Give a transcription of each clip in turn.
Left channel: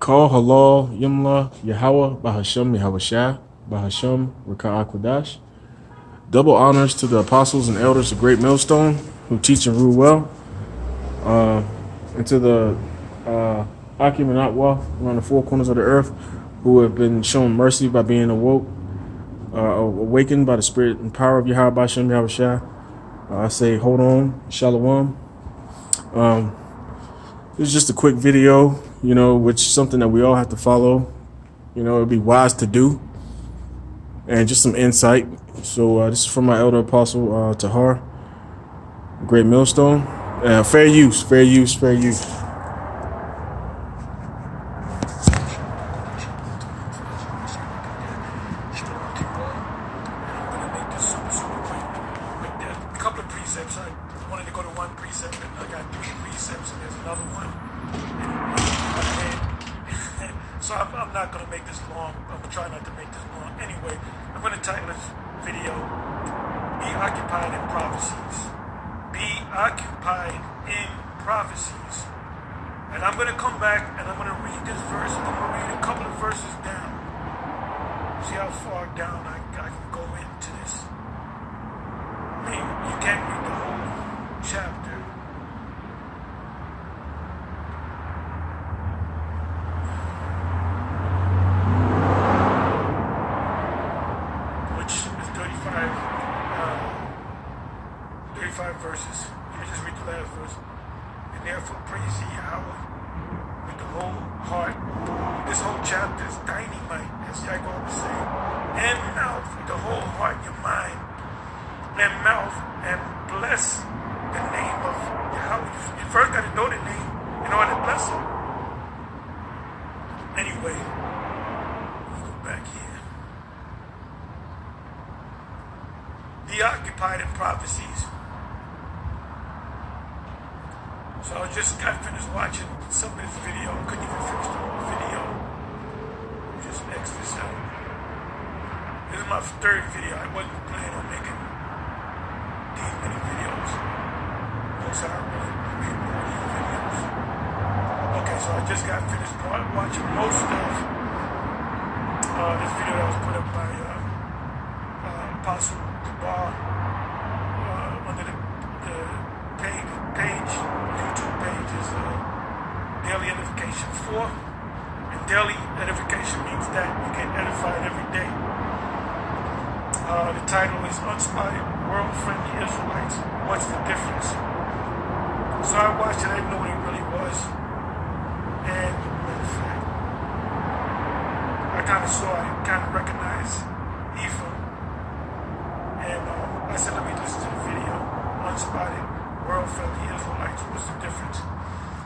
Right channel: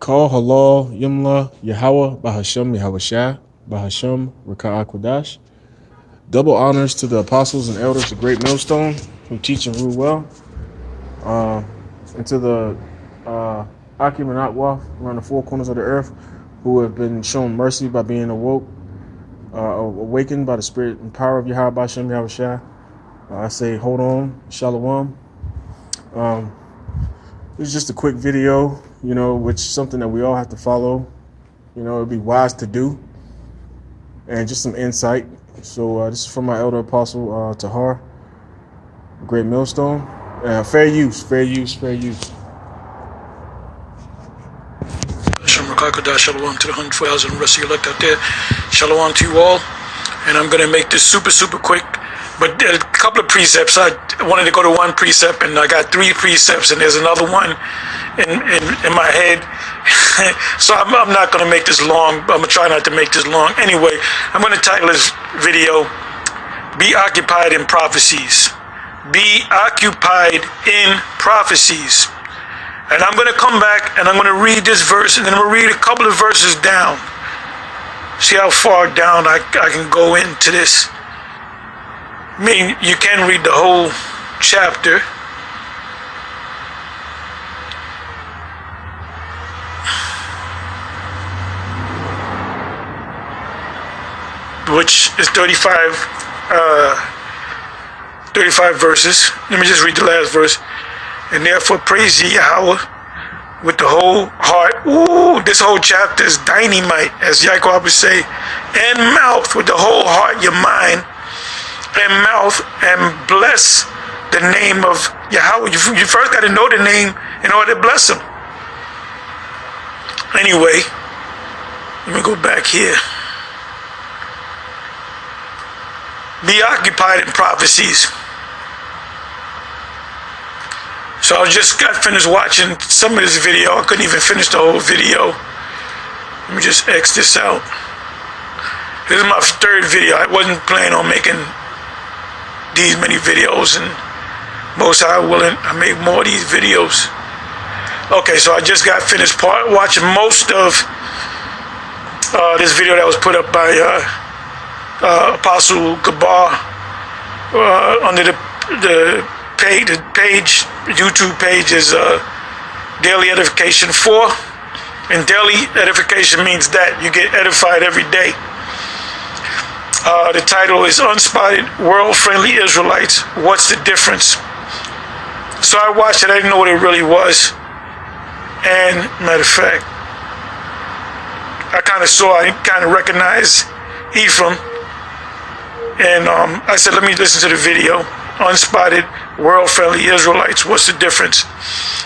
Call halal yimla Yahweh Bahashem Yahweh Bahashem qadash. Double honors to the apostles and elders of Great Millstone who teach and rule well. And to the Akim and Atwa around the four corners of the earth who have been shown mercy by being awakened by the spirit and power of Yahweh Bahashem Yahweh. I say hold on, shalom. This is just a quick video, which is something that we all have to follow. It'd be wise to do. And just some insight. So this is from my elder apostle, Tahar, Great Millstone. Fair use. Shalom to the 104,000 rest of you elect out there. Shalom to you all. And I'm going to make this super quick. But a couple of precepts. I wanted to go to one precept, and I got three precepts, and there's another one in my head. So I'm not going to make this long. I'm going to try not to make this long. Anyway, I'm going to title this video, Be Occupied in Prophecies. Be occupied in prophecies. And I'm going to come back, and I'm going to read this verse, and then I'm going to read a couple of verses down. See how far down I can go into this. I mean, you can read the whole chapter. Which is 35 verses. Let me just read the last verse. And therefore praise ye Yahweh with the whole heart. Ooh, this whole chapter is dynamite, as Yaakov would say. And mouth, with the whole heart, your mind, and mouth, and bless the name of Yahweh. You first got to know the name in order to bless him. Anyway, let me go back here. Be occupied in prophecies. So I just got finished watching some of this video. I couldn't even finish the whole video. Let me just X this out. This is my third video. I wasn't planning on making these many videos, and most I willing I make more of these videos. Okay, so I just got finished watching most of this video that was put up by Apostle Kabar under the page, YouTube page is Daily Edification 4, and daily edification means that you get edified every day. The title is Unspotted World-Friendly Israelites, What's the Difference? So I watched it, I didn't know what it really was. And matter of fact, I kind of recognized Ephraim. And I said, let me listen to the video. Unspotted World-Friendly Israelites, what's the difference?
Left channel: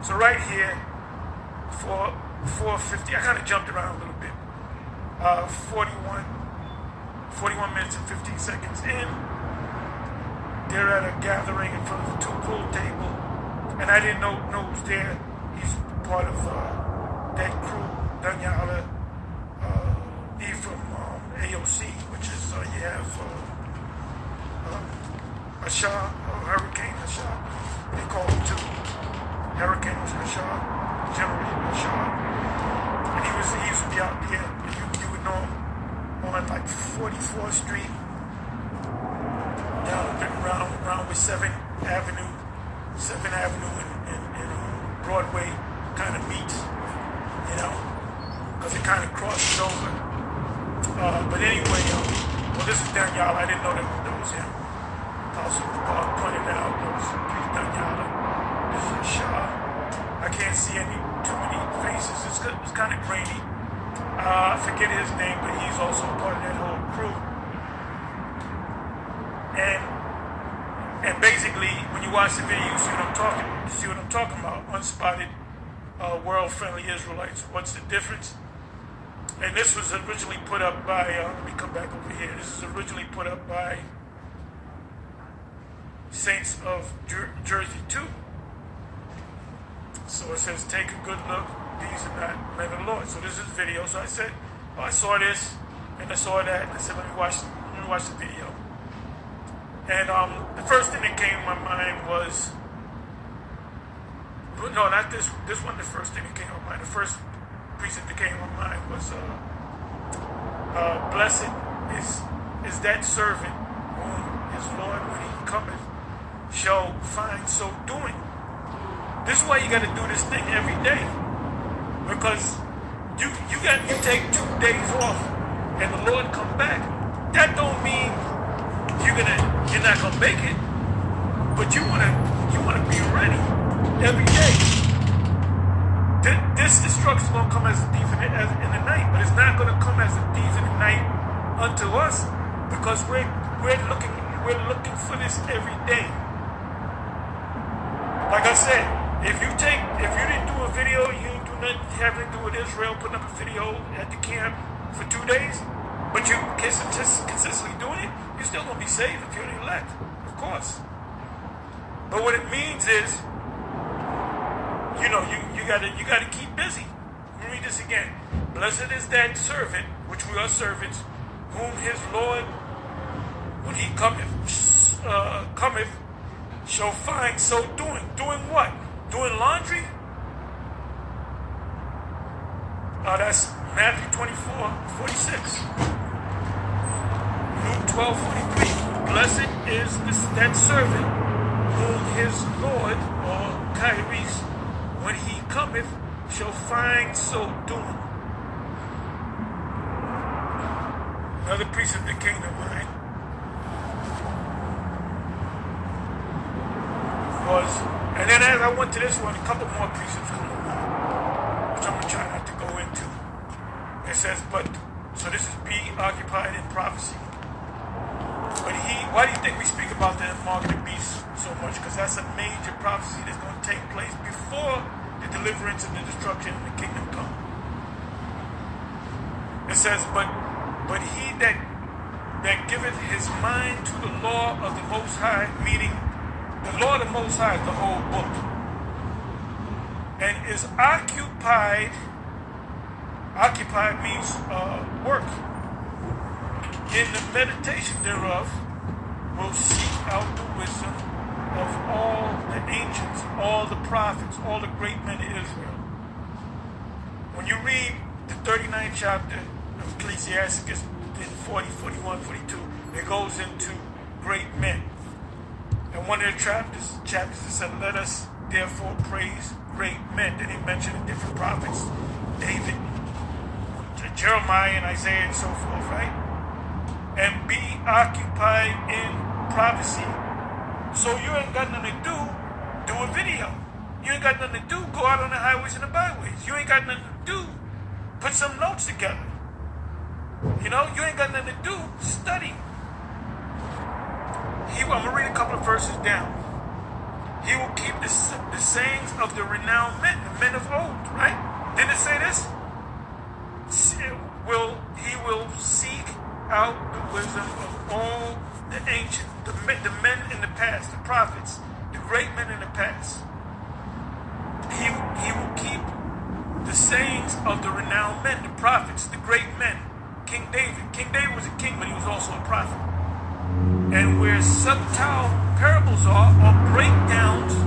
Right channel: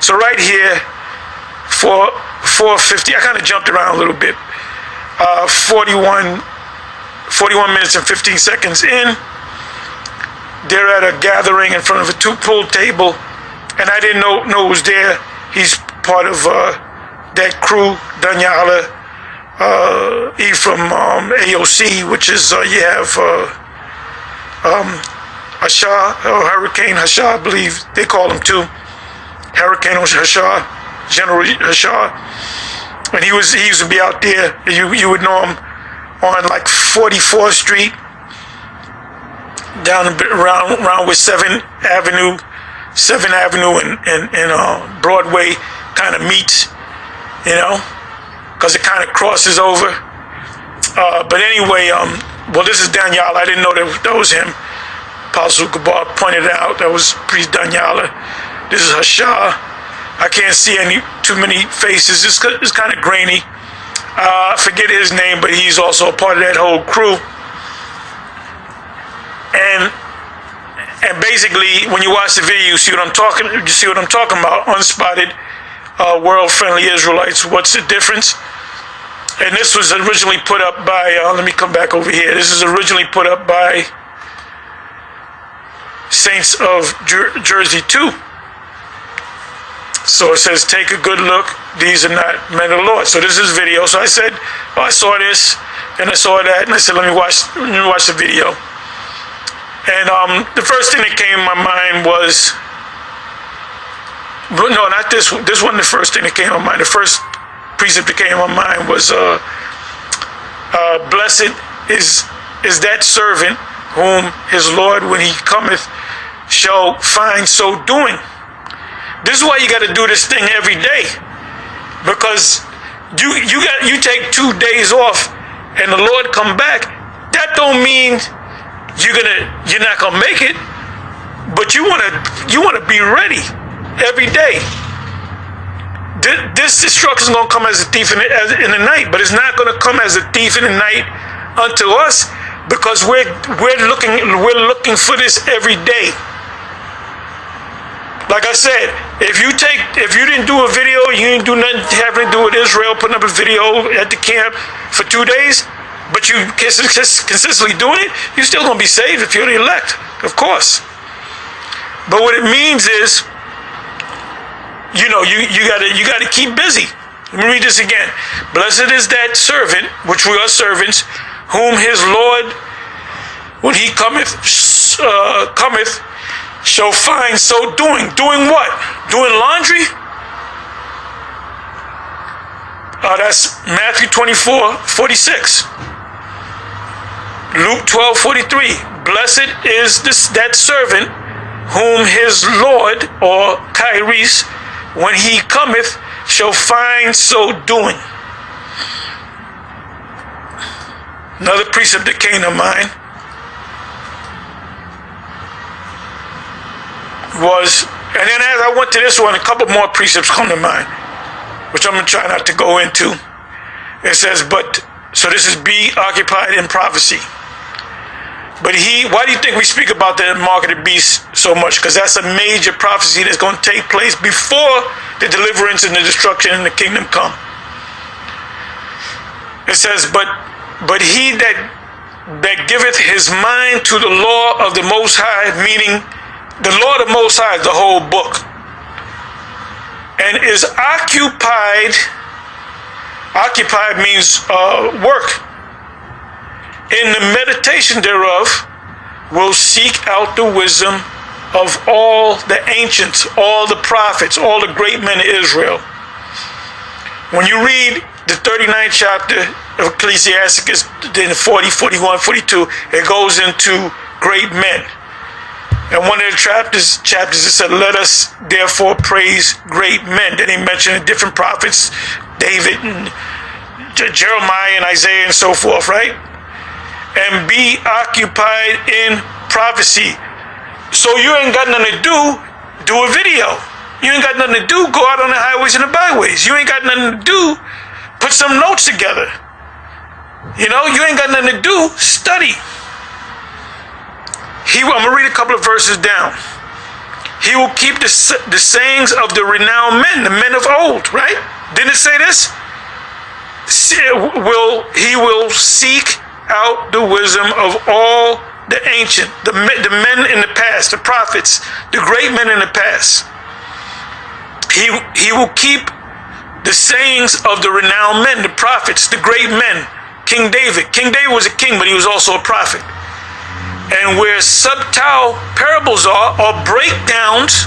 So right here, for 4:50, I kind of jumped around a little bit. 41 minutes and 15 seconds in, they're at a gathering in front of a pool table, and I didn't know it was there. He's part of that crew, Danyala, Ephraim, AOC, which is, you have Hashah, or Hurricane Hashah, I believe they call him too. Hurricane Hashah, General Hashah. And he used to be out there. You would know him on like 44th Street, down around with 7th Avenue and Broadway kind of meets, because it kind of crosses over. But anyway, well, this is Daniel. I didn't know that was him. Apostle Kabar pointed out that was Priest Danyala. This is Hashah. I can't see too many faces. It's kind of grainy. I forget his name, but he's also a part of that whole crew. And basically, when you watch the video, you see what I'm talking about. Unspotted world-friendly Israelites. What's the difference? And this was originally put up by. Let me come back over here. This is originally put up by Saints of Jersey 2. So it says, take a good look. These are not men of the Lord. So this is video. So I said, I saw this and I saw that, and I said, let me watch the video. And the first thing that came in my mind was no, not this one. This wasn't the first thing that came to mind. The first precept that came to my mind was blessed is that servant whom his Lord, when he cometh, shall find so doing. This is why you got to do this thing every day, because you take 2 days off and the Lord come back. That don't mean you're not gonna make it, but you wanna be ready every day. This destruction is gonna come as a thief in the night, but it's not gonna come as a thief in the night unto us, because we're looking for this every day. Like I said, if you didn't do a video, you didn't do nothing having to do with Israel, putting up a video at the camp for 2 days, but you consistently doing it, you're still gonna be saved if you're the elect, of course. But what it means is, you gotta keep busy. Let me read this again. Blessed is that servant, which we are servants, whom his Lord, when he cometh, shall find so doing. Doing what? Doing laundry? That's Matthew 24:46. Luke 12:43. Blessed is that servant whom his Lord, or Kairos, when he cometh, shall find so doing. Another precept that came to mind was, and then as I went to this one, a couple more precepts come to mind, which I'm going to try not to go into. It says, so this is be occupied in prophecy. But why do you think we speak about the mark of the beast so much? Because that's a major prophecy that's going to take place before the deliverance and the destruction and the kingdom come. It says, but he that giveth his mind to the law of the Most High, meaning the law of the Most High is the whole book, and is occupied means work, in the meditation thereof, will seek out the wisdom of all the ancients, all the prophets, all the great men of Israel. When you read the 39th chapter of Ecclesiasticus, in 40, 41, 42, it goes into great men. And one of the chapters it said, let us therefore praise great men. Then he mentioned different prophets, David and Jeremiah and Isaiah and so forth, right? And be occupied in prophecy. So you ain't got nothing to do a video. You ain't got nothing to do, go out on the highways and the byways. You ain't got nothing to do, put some notes together. You ain't got nothing to do, study. I'm going to read a couple of verses down. He will keep the sayings of the renowned men, the men of old, right? Didn't it say this? He will seek out the wisdom of all the ancient, the men in the past, the prophets, the great men in the past. He will keep the sayings of the renowned men, the prophets, the great men. King David. King David was a king, but he was also a prophet. And where subtle parables are, or breakdowns,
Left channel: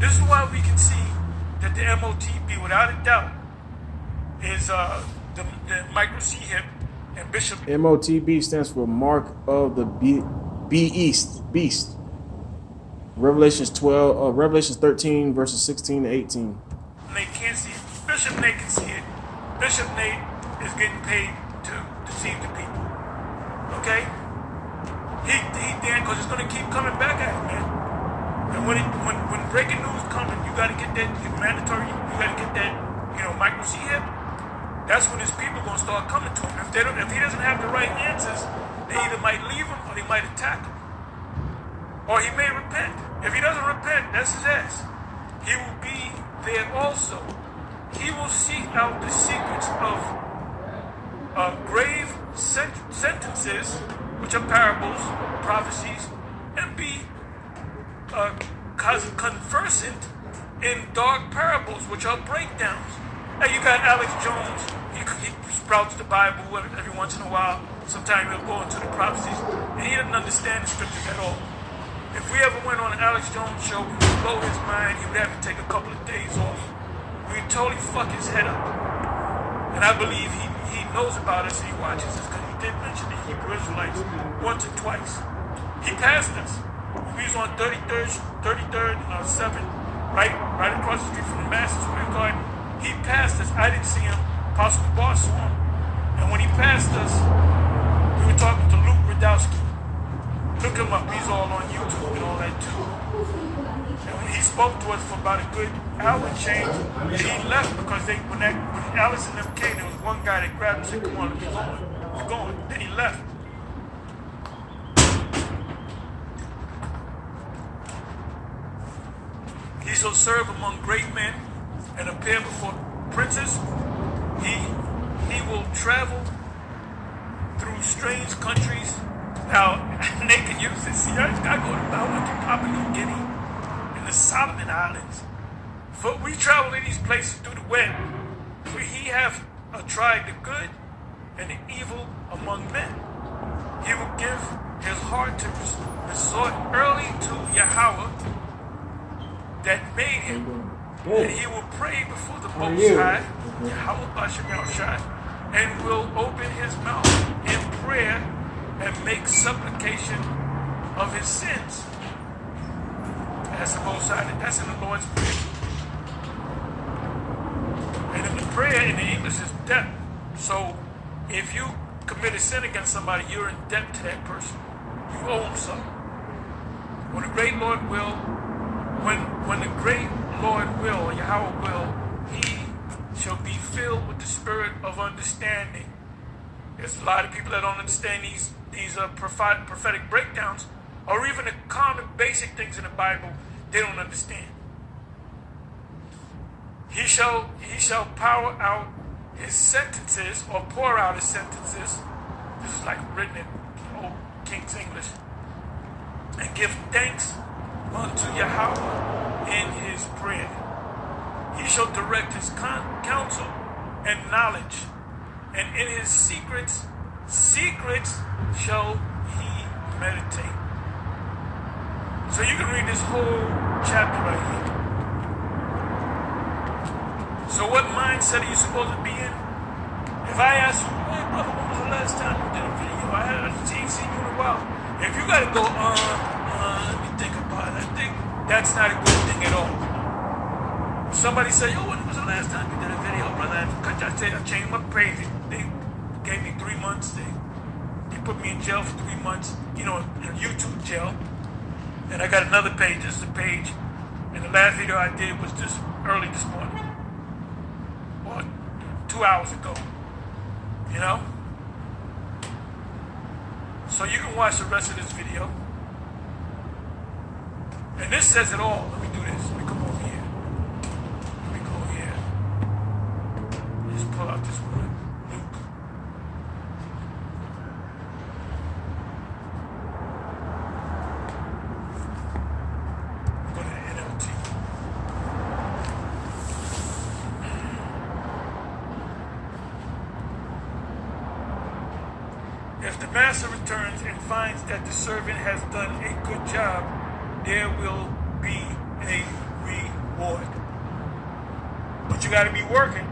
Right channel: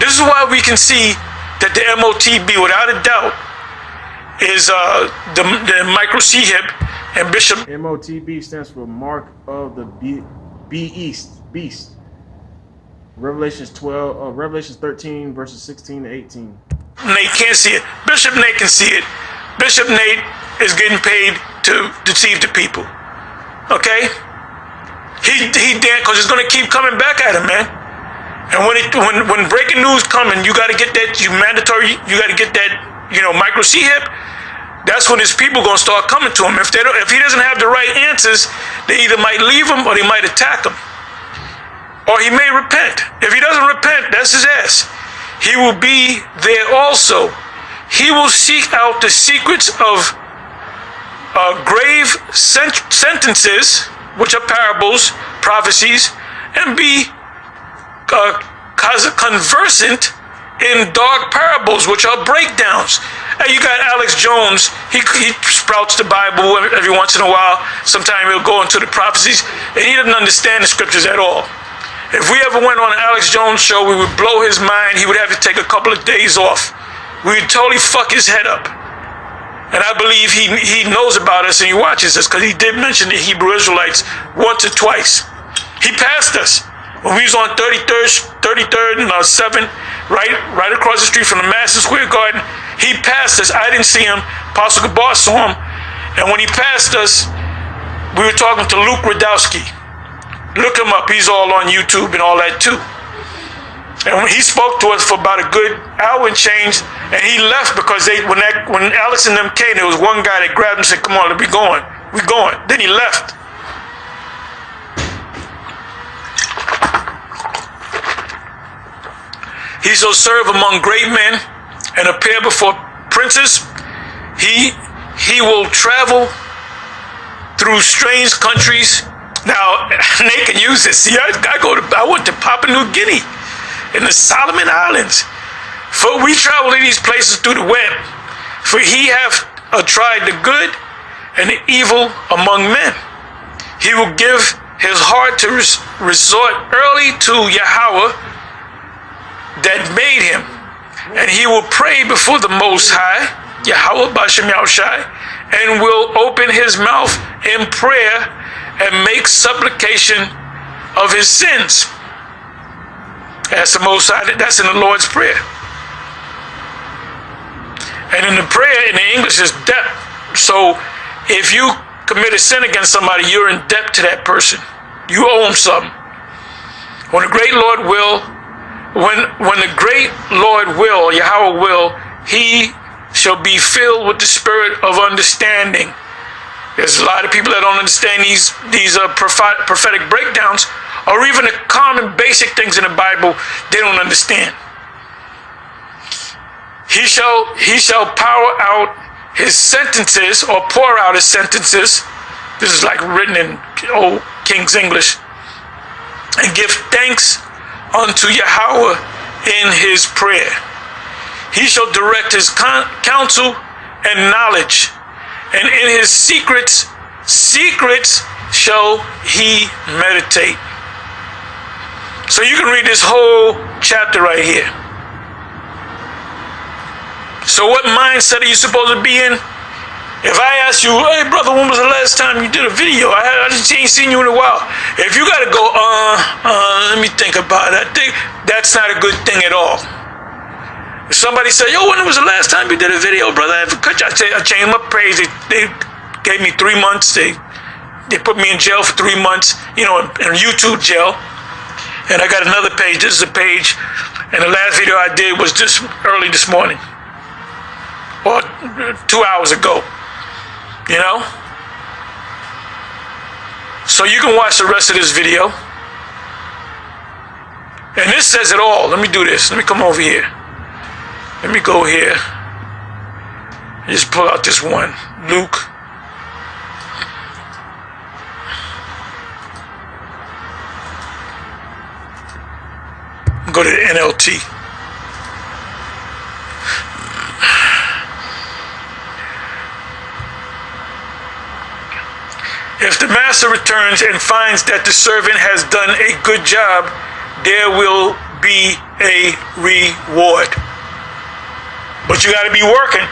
this is why we can see that the MOTB, without a doubt, is the micro C hip and Bishop. MOTB stands for Mark of the Beast. Revelations 13, verses 16 to 18. Nate can't see it. Bishop Nate can see it. Bishop Nate is getting paid to deceive the people. Okay? He damn, because it's going to keep coming back at him, man. And when breaking news coming, you got to get that, you got to get that, micro C hip. That's when his people going to start coming to him. If he doesn't have the right answers, they either might leave him or they might attack him. Or he may repent. If he doesn't repent, that's his ass. He will be there also. He will seek out the secrets of grave sentences, which are parables, prophecies, and be conversant in dark parables, which are breakdowns. Hey, you got Alex Jones. He sprouts the Bible every once in a while. Sometimes he'll go into the prophecies, and he doesn't understand the scriptures at all. If we ever went on an Alex Jones show, we would blow his mind. He would have to take a couple of days off. We would totally fuck his head up. And I believe he knows about us and he watches us, because he did mention the Hebrew Israelites once or twice. He passed us when we was on 33rd and 7th, right across the street from the Madison Square Garden. He passed us. I didn't see him. Apostle Gabar saw him. And when he passed us, we were talking to Luke Radowski. Look him up. He's all on YouTube and all that too. And when he spoke to us for about a good hour and change, and he left because when Alex and them came, there was one guy that grabbed him and said, "Come on, we going. We going." Then he left. He shall serve among great men and appear before princes. He will travel through strange countries. Now, they can use this. See, I went to Papua New Guinea in the Solomon Islands. For we travel to these places through the web. For he hath tried the good and the evil among men. He will give his heart to resort early to Yahweh that made him. And he will pray before the Most High, Yahweh Bashem Yahushai, and will open his mouth in prayer and make supplication of his sins. That's the Most High. That's in the Lord's Prayer. And in the prayer, in the English, is debt. So if you commit a sin against somebody, you're in debt to that person. You owe them something. When the great Lord will, when the great Lord will, Yahweh will, he shall be filled with the spirit of understanding. There's a lot of people that don't understand these prophetic breakdowns, or even the common basic things in the Bible they don't understand. He shall power out his sentences, or pour out his sentences. This is like written in old King's English. And give thanks unto Yahweh in his prayer. He shall direct his counsel and knowledge, and in his secrets shall he meditate. So you can read this whole chapter right here. So what mindset are you supposed to be in? If I ask you, "Hey brother, when was the last time you did a video? I just ain't seen you in a while." If you gotta go, let me think about it. I think that's not a good thing at all. If somebody say, "Yo, when was the last time you did a video, brother?" I changed my praise. They gave me 3 months. They put me in jail for 3 months, in YouTube jail. And I got another page. This is a page. And the last video I did was just early this morning, or 2 hours ago. So you can watch the rest of this video. And this says it all. Let me do this. Let me come over here. Let me go here. Just pull out this one. Luke. Go to the NLT. If the master returns and finds that the servant has done a good job, there will be a reward. But you got to be working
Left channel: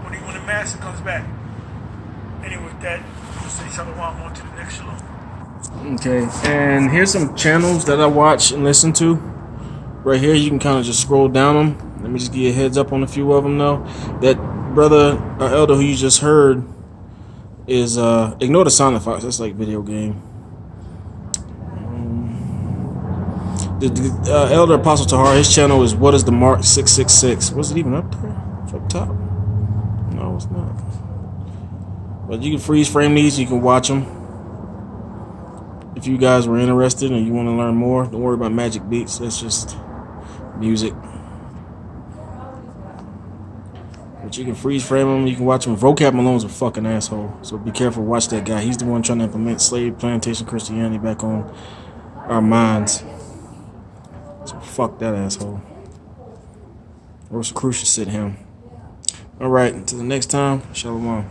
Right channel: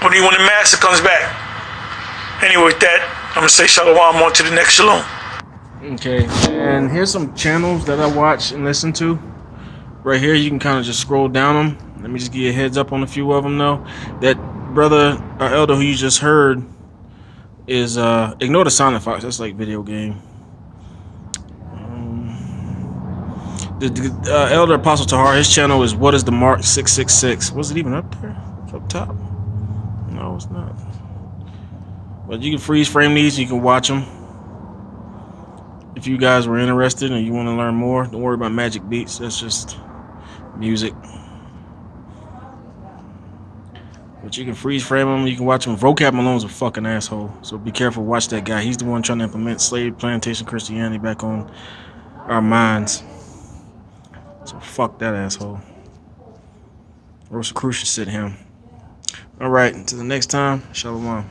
when the master comes back. Anyway, with that, I'm going to say shalom on to the next shalom. Okay, and here's some channels that I watch and listen to. Right here, you can kind of just scroll down them. Let me just give you a heads up on a few of them, though. That brother or elder who you just heard is ignore the sound effects. That's like video game. The elder Apostle Tahar, his channel is What is the Mark 666. Was it even up there? It's up top. No, it's not. But you can freeze frame these. You can watch them. If you guys were interested and you want to learn more, don't worry about magic beats. That's just music. But you can freeze frame them. You can watch them. Vocab Malone's a fucking asshole. So be careful. Watch that guy. He's the one trying to implement slave plantation Christianity back on our minds. So fuck that asshole. Rosicrucius said him. All right. Until the next time. Shalom.